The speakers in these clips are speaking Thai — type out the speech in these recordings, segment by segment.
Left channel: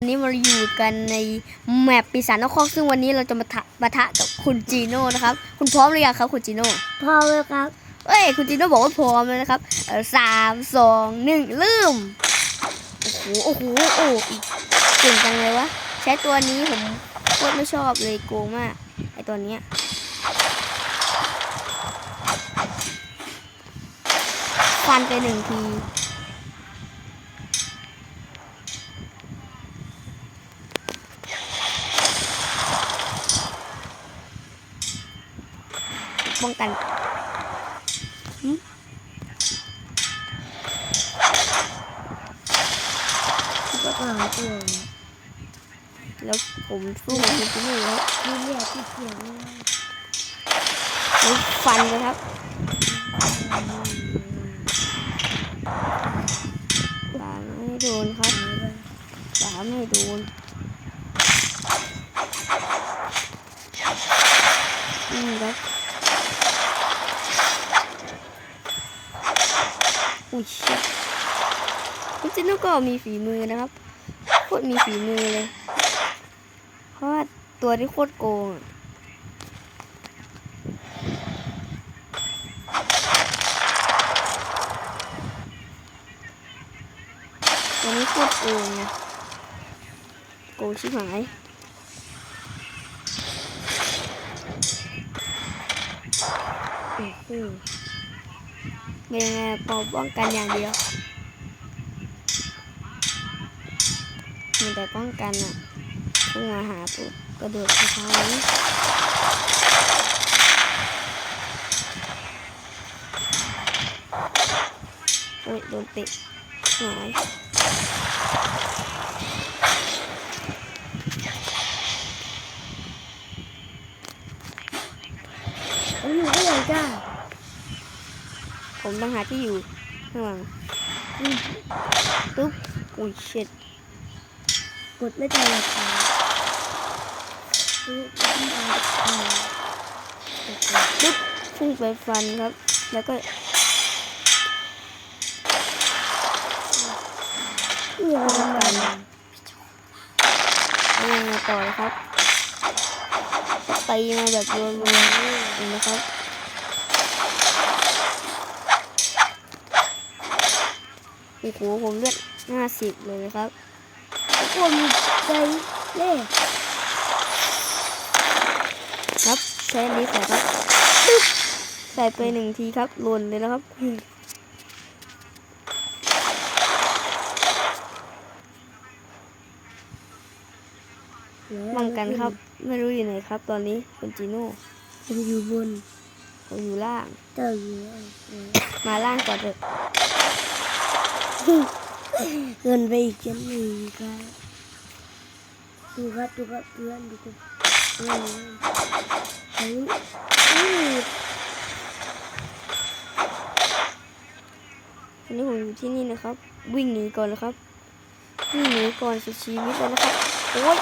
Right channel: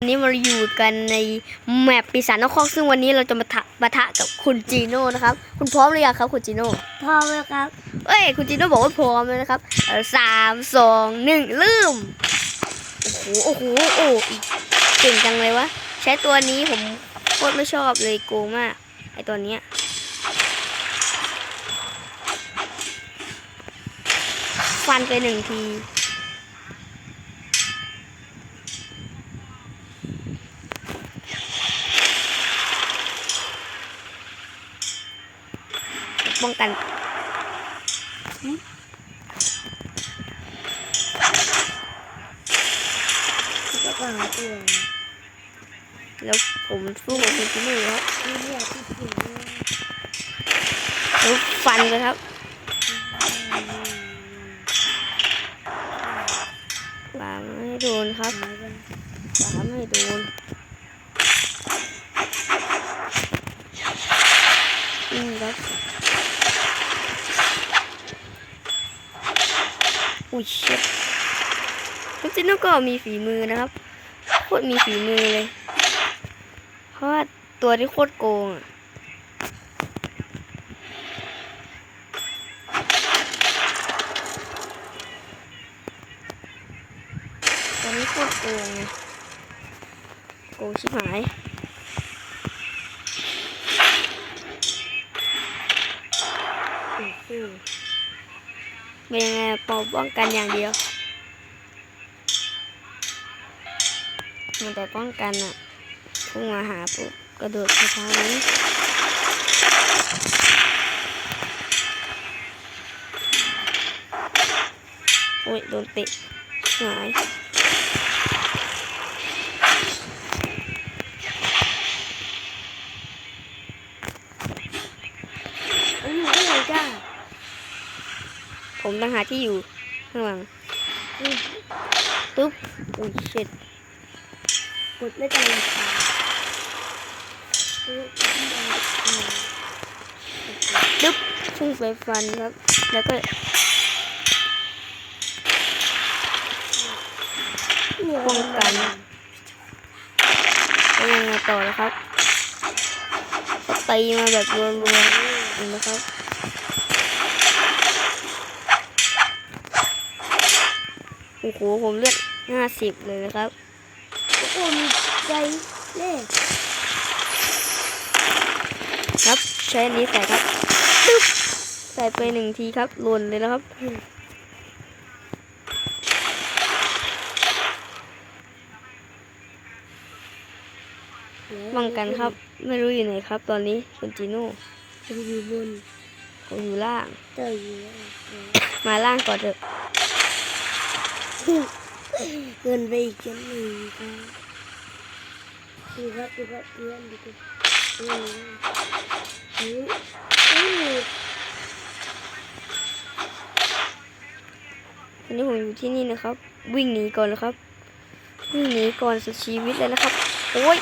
วันนี้มาอยู่กันในแมปปีศาจนครซึ่งวันนี้เราจะมาทะปะทะกับคุณจีโน่นะครับ คุณพร้อมหรือยังครับคุณจีโน่พอเลยครับเอ้ยคุณจีโน่บอกว่าพร้อมแล้วนะครับเออสามสองหนึ่งเริ่มโอ้โหโอ้โหโอ้เก่งจังเลยวะใช้ตัวนี้ผมโคตรไม่ชอบเลยโกงมากไอตัวเนี้ยฟันไปหนึ่งที ป้องกันอตัวแล้วผมสู้กับคุณจินี่ครับนี่เนี่ยที่เขียนเลยแล้วฟันเลยครับบาไม่โดนครับบาไม่โดนอืมครับ อุ้ยเช็ดคุณจิโนก็มีฝีมือนะครับ โคตรมีฝีมือเลย เพราะว่าตัวที่โคตรโกงอะตัวนี้โคตรโกงไงโกงชิบหายอื้อหือ เป็นยังไงปอป้องกันอย่างเดียว มันแต่ป้องกันอะพุ่งมาหาปุ๊บกระโดดสะพานนี้โอ้ยโดนเตะหายอันนี้ก็ยังจ้า ผมต้องหาที่อยู่ข้างหลังตุ๊บอุ้ยเช็ดกดไม่ได้เลยค่ะตุ๊บพุ่งไปฟันครับ แล้วก็ป้องกันแล้วยังไงต่อนะครับตีมาแบบรัวๆนไหมครับ อ้โหผมเลือดห้าสิบเลยนะครับคนใจเล่ครับใช้อันนี้ใส่ครับตุ๊บใส่ไปหนึ่งทีครับหล่นเลยนะครับป้องกันครับ ไม่รู้อยู่ไหนครับ ตอนนี้คุณจีโน่มันอยู่บนผมอยู่ล่างเต่าอยู่เออมาล่างก่อนเถอะ เงินไปอีกชั้นหนึ่งครับดูครับดูครับเพื่อนดูครับเพื่อนเฮ้ยเฮ้ยตอนนี้ผมอยู่ที่นี่นะครับ วิ่งหนีก่อนนะครับ วิ่งหนีก่อนสุดชีวิตเลยนะครับ โอ้ย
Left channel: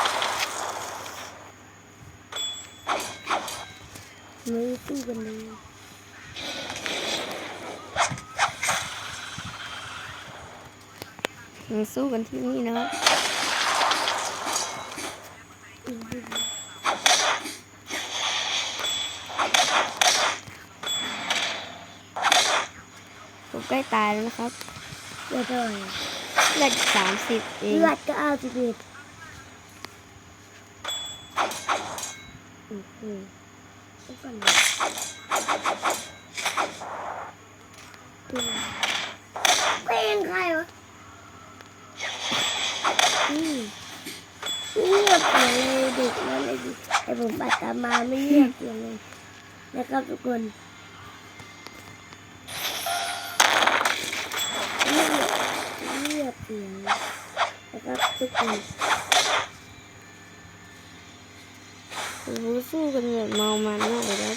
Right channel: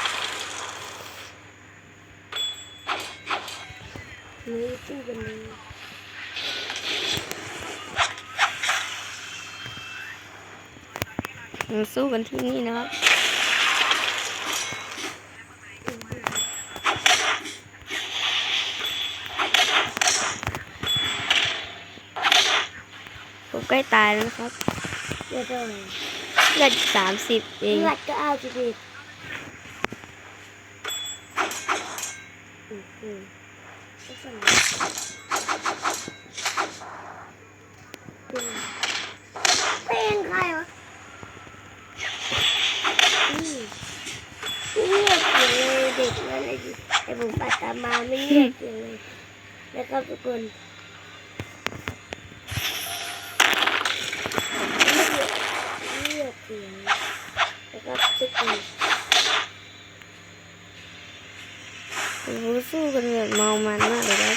เฮ้ยสู้กันเลย ยัง สู้กันที่นี่นะครับผมใกล้ตายแล้วนะครับเดี๋ยวก่อนเลือดสามสิบเองเลือดก็เอาสิเด็ดอืมอืมก็สั่งเป็นใครวะ เงียบเสียงเลยเด็กนั่นไอ้ดิไอ้ผมปัดตามมาไม่เงียบเสียงเลยนะครับทุกคนเงียบเงียบเสียงนะครับทุกคนโอ้สู้กันแบบเมามันมากเลยครับ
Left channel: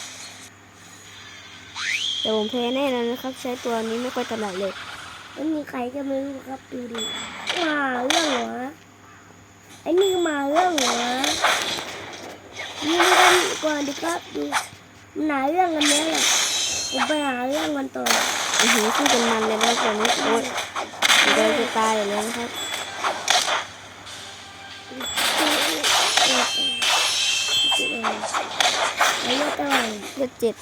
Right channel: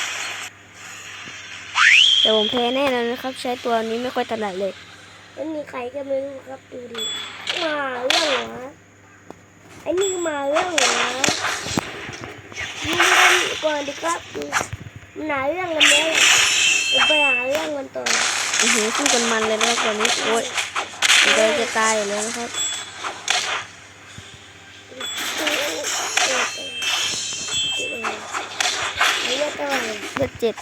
แต่ผมแพ้แน่นอนนะครับ ใช้ตัวนี้ไม่ค่อยถนัดเลยไม่มีใครก็ไม่รู้ครับดูดิมาเรื่องเหรอ ไอ้นี่มาเรื่องเหรอนี่กันก่อนดีครับดูมันาเรื่องกันแล้วผมไปหาเรื่องมันต่อโอ้โหสู้กันมันเลยนะครับตอนนี้โอ้ยผมกำลังจะตายแล้วนะครับเลือดเจ็ด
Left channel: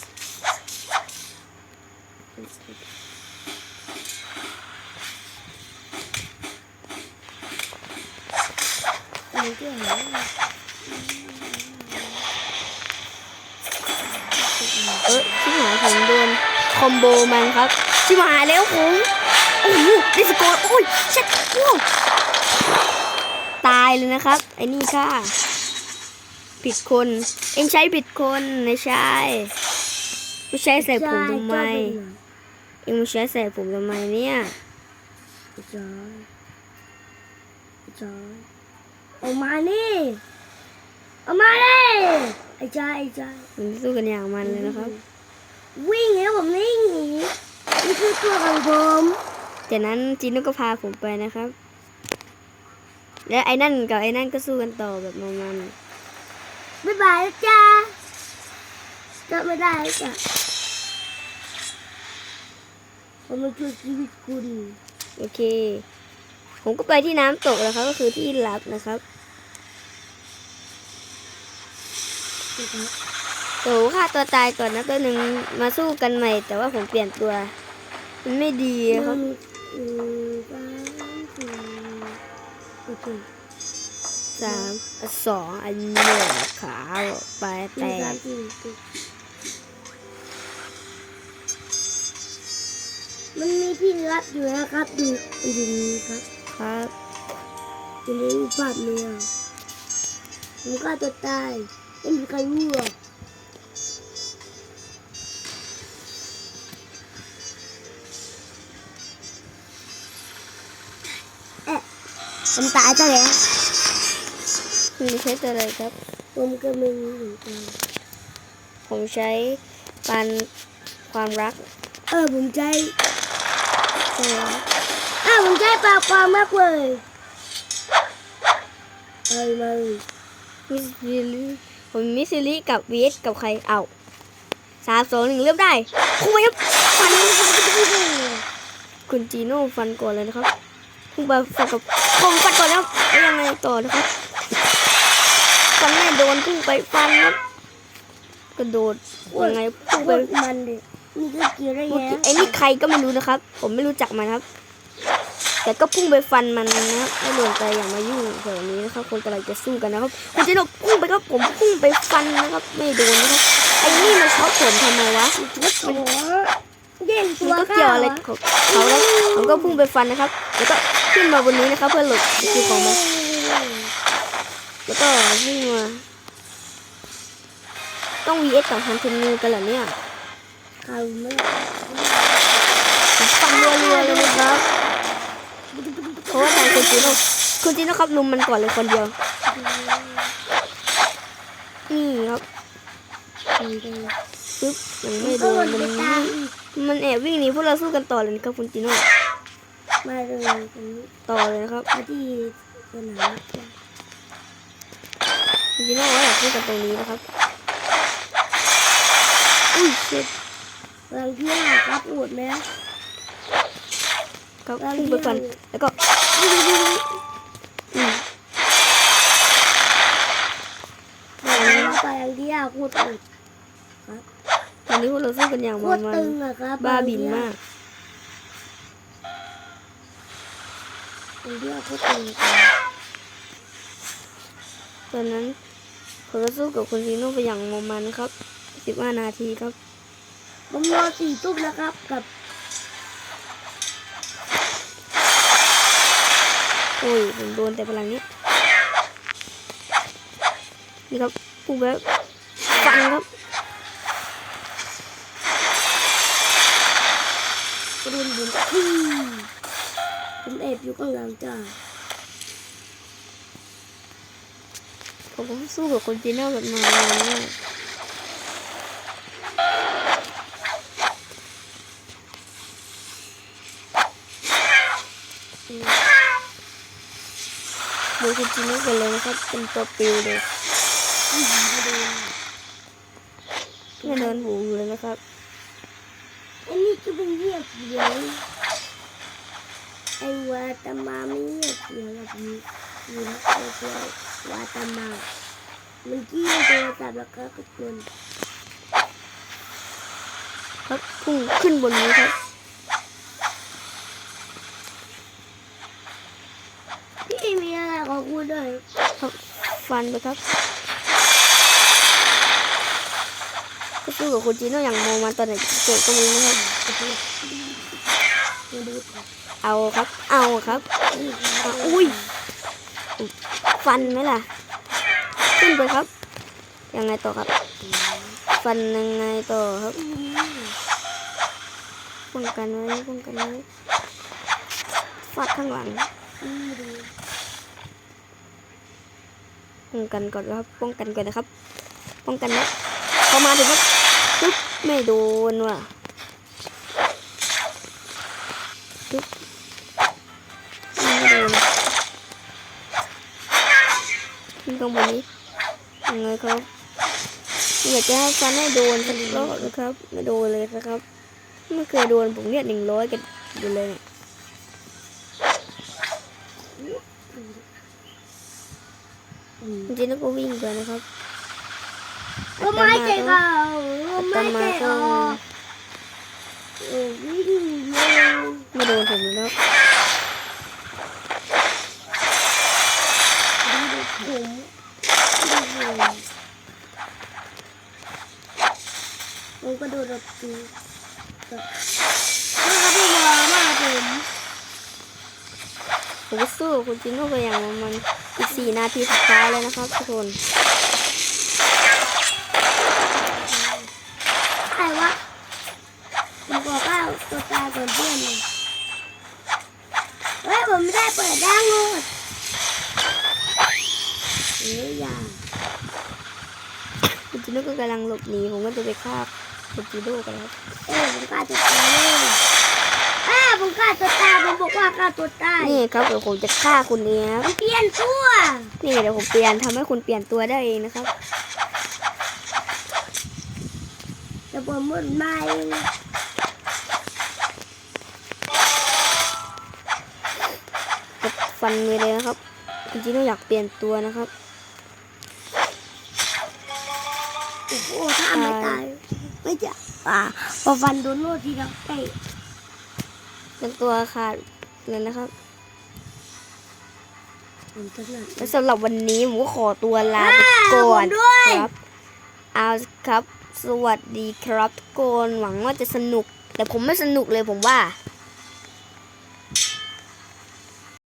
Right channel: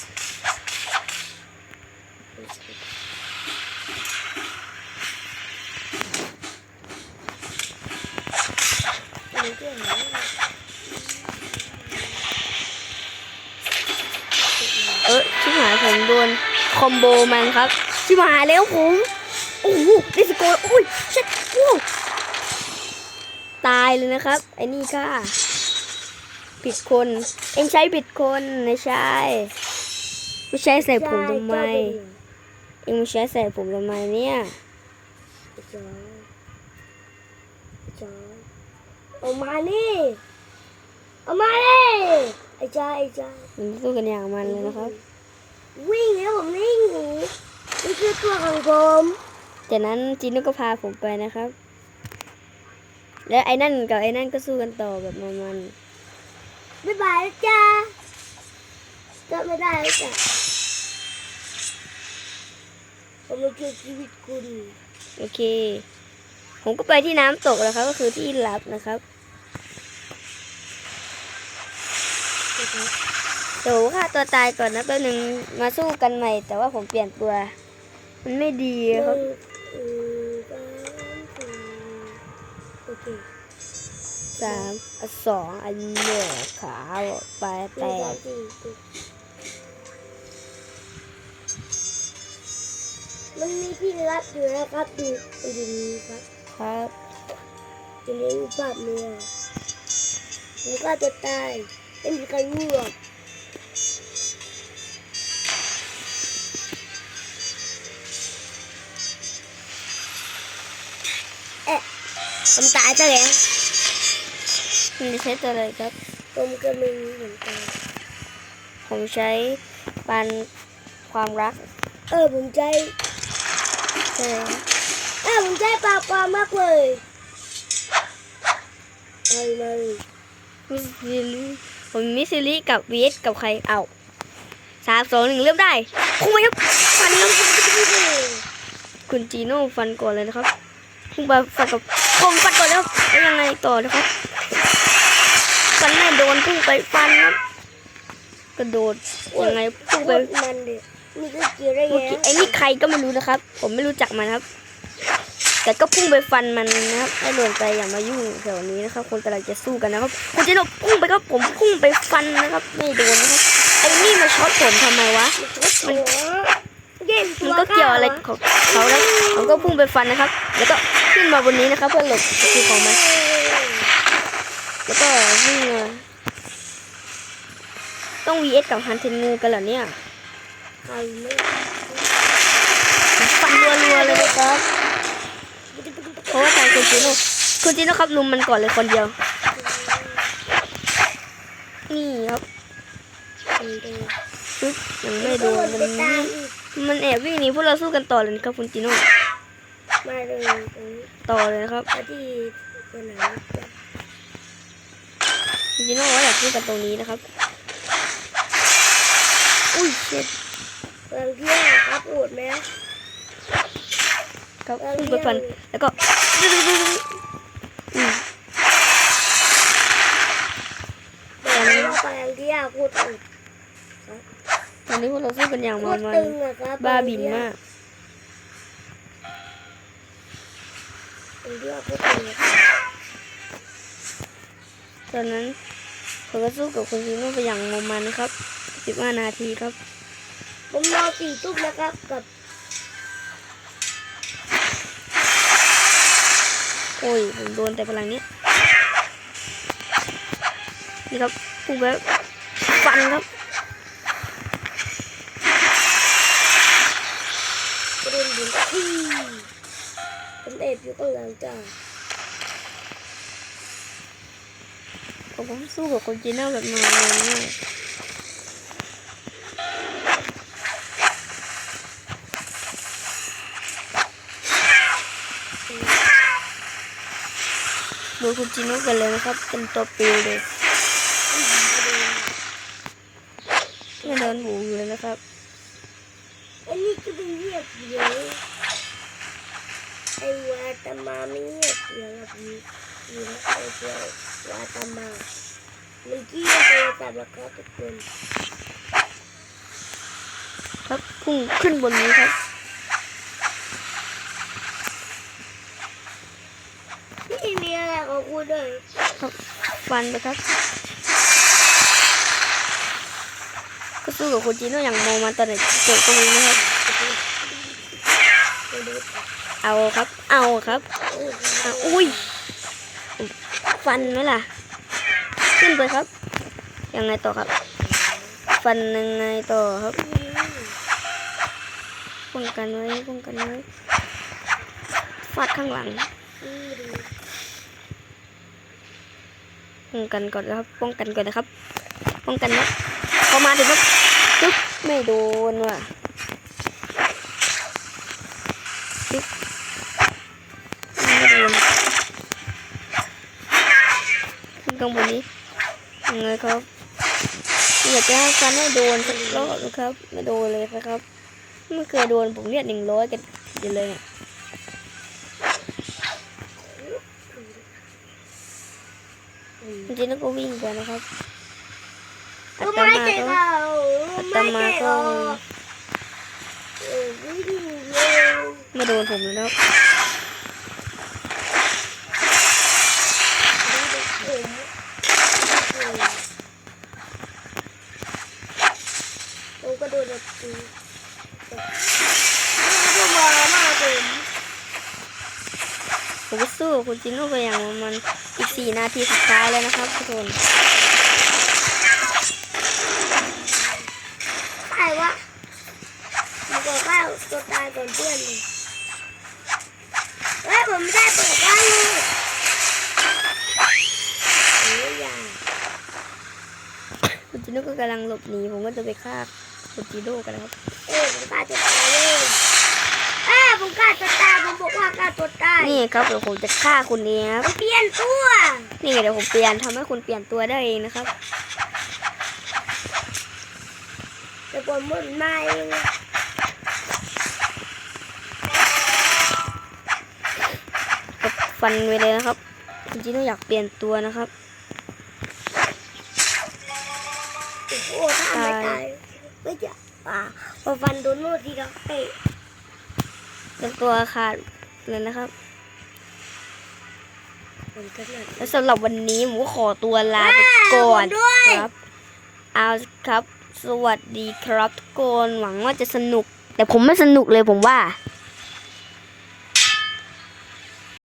อันนี้ที่ไหนเออที่หายผมโดนคอมโบมันครับที่หายแล้วผมโอ้โหดิสโกนโอ้ยเช็ดว้าวตายเลยนะครับ ไอ้นี่ค่ะผิดคน เอ็งใช้ผิดคนนะใช่ไม่ใช่ใส่ผมทำไม เอ็งไม่ใช้ใส่ผมทำไมเนี่ยจอยจอย เอามานี่เอามาเลยไอ้จอยไอ้จอยมันสู้กันอย่างมันเลยนะครับ วิ่งแล้วผมวิ่งหนีนี่คือตัวของผมจากนั้นจีโน่ก็พาผมไปนะครับ และไอ้นั่นกับไอ้นั่นก็สู้กันต่อแบบมันบ๊ายบายนะจ้าก็ไม่ได้แล้วจ้ะผมมาช่วยชีวิตคุณๆโอเค ผมก็ไปที่น้ำตกแล้วครับ ก็คือที่ลับนะครับเดี๋ยวฆ่าตัวตายก่อนนะแป๊บนึงมาสู้กันใหม่ แต่ว่าผมเปลี่ยนตัว มันไม่ดีครับหนึ่งสามสี่โอเคสามอะสองอันหนึ่งขาไปหแตนึ่งสามกสี่สี่มันมีที่รับอยู่นะครับดูไปดูนี้ครับ ครับอยู่ในรูปภาพเนี่ยผมก็จะตายไม่มีใครรู้หรอกเอ๊ะผมตายซะแล้วคุณจะใช้ตัวอะไรครับ ผมก็ไม่รู้เหมือนกันผมใช้ปันความรัก เออผมใจใช่ ผมใจปากความมากเลยเอาเลยมิสซิลิผมมิสซิลิกับวีสกับใครเอาสามสองหนึ่งเริ่มได้พุ่งไปครับฟันครับคุณจีโน่ฟันก่อนเลยนะครับพุ่งไปฟันกับผมฟันก่อนแล้วแล้วยังไงต่อนะครับฟันไม่โดนพุ่งไปฟันครับกระโดดยังไงพุ่งไปมันดินี่ก็เกี่ยวได้เมื่อไงกี้ไอ้นี่ใครก็ไม่รู้นะครับ ผมไม่รู้จักมันครับ แต่ก็พุ่งไปฟันมันนะครับให้โดนไปอย่ามายุ่งแถวนี้นะครับ คนกำลังจะสู้กันนะครับคุณเจโนพุ่งไปครับผมพุ่งไปฟันนะครับไม่โดนนะครับไอ้นี่มาช็อตผมทำไมวะมันมันก็เกี่ยวอะไรของเขาแล้วผมก็พุ่งไปฟันนะครับ แล้วก็ขึ้นมาบนนี้นะครับ เพื่อหลบสกิลของมันแล้วก็วิ่งมาต้อง vs กับฮันเทนงูกันเหรอเนี่ยฟันรัวๆเลยนะครับ เพราะว่าทางคุณจิโน่คุณจิโน่ครับลุมมันก่อนเลยคนเดียว นี่ครับปึ๊บยังไม่โดนมันมันแอบวิ่งหนีพวกเราสู้กันต่อเลยครับคุณจิโน่มาเลยตรงนี้ต่อเลยนะครับที่สนามคุณจิโน่ว่าอยากสู้กันตรงนี้นะครับอุ้ยเช็ดกำลังเที่ยวครับอวดไหม ครับพุ่งไปฟันแล้วก็อืมกำลังไปเที่ยวพูดอวดตอนนี้พวกเราสู้กันอย่างพูมัดนมันตึงอะครับบ้าบินมากเที่ยวพูดตึงอะครับตอนนั้นผมก็สู้กับคุณจิโน่ไปอย่างมันมันนะครับสิบห้านาทีครับผมนอนสี่ทุ่มนะครับกับ อ้ยผมโดนแต่พลังนี้ นี่ครับพุ่งไปแล้วฟันครับกระดุนบุญที่ผมเอบอยู่ข้างหลังจ้าผมสู้กับคุณจีน่าแบบนมันมาก ดูคุณจีโน่กันเลยนะครับ เป็นตัวปิวเลยไม่โดนหูอยู่เลยนะครับไอ้นี่ก็เป็นเงียบเดียวไอ้วาตมาไม่เงียบเดียวแบบนี้ยินโซเชียลวาตามามันกี้มันโทรศัพท์แล้วครับทุกคนครับพุ่งขึ้นบนนี้ครับ พี่ มีอะไรกับกูด้วยฟันไปครับก็สู้กับคุณจีโน่อย่างโมมาตอนไหนเกิดก็ไมีนะครับเอาครับ เอาครับอุ้ยฟันไหมล่ะ ขึ้นไปครับ ยังไงต่อครับ ฟันยังไงต่อครับป้องกันไว้ป้องกันไว้ฟาดข้างหลัง ป้องกันก่อนนะครับ ป้องกันก่อนนะครับ ป้องกันนะพอมาถึงครับจุ๊บไม่โดนว่ะจุ๊บไม่โดนขึ้นข้างบนนี้ยังไงครับอยากจะให้ฟันให้โดนสักรอบนะครับ ไม่โดนเลยนะครับไม่เคยโดนผมเรียหนึ่งร้อยกันอยู่เลยเนี่ย ริงๆแล้วก็วิ่งไปนะครับก็ไม่ใจก็เขาอัตมาก็เออวิ่งเร็วไม่โดนผมเลยนะครับดูดูผมผมก็โดนแบบตีนี่ก็พี่วอมากผม ผมก็สู้คุณจิโน่ไปอย่างมันอีกสี่นาทีสุดท้ายแล้วนะครับทุกคนใครวะผมบอกว่าตัวตายก่อนเพื่อนเลยเฮ้ยผมไม่ได้เปิดบ้านเลยโอ้ยอย่าคุณจิโน่ก็กำลังหลบหนีผมก็จะไปฆ่าคุณจิโน่กันนะครับเออผมกล้าตัวตายเลยเอ้าผมกล้าตัวตายผมบอกว่ากล้าตัวตายนี่ครับเดี๋ยวผมจะฆ่าคุณเองครับผมเปลี่ยนตัวนี่เดี๋ยวผมเปลี่ยนทำให้คุณเปลี่ยนตัวได้เองนะครับแต่ผมหมุนมาเองก็ฟันไปเลยนะครับคุณจิโน่อยากเปลี่ยนตัวนะครับโอ้โหถ้าไม่ตายไม่จะอ่าพอฟันโดนโน่ทีเดียวเตะเป็นตัวขาด เลยนะครับผมก็เนี่ยและสำหรับวันนี้ผมก็ขอตัวลาไปก่อนผมด้วยครับเอาครับ สวัสดีครับทุกคนหวังว่าจะสนุก แต่ผมไม่สนุกเลยผมว่า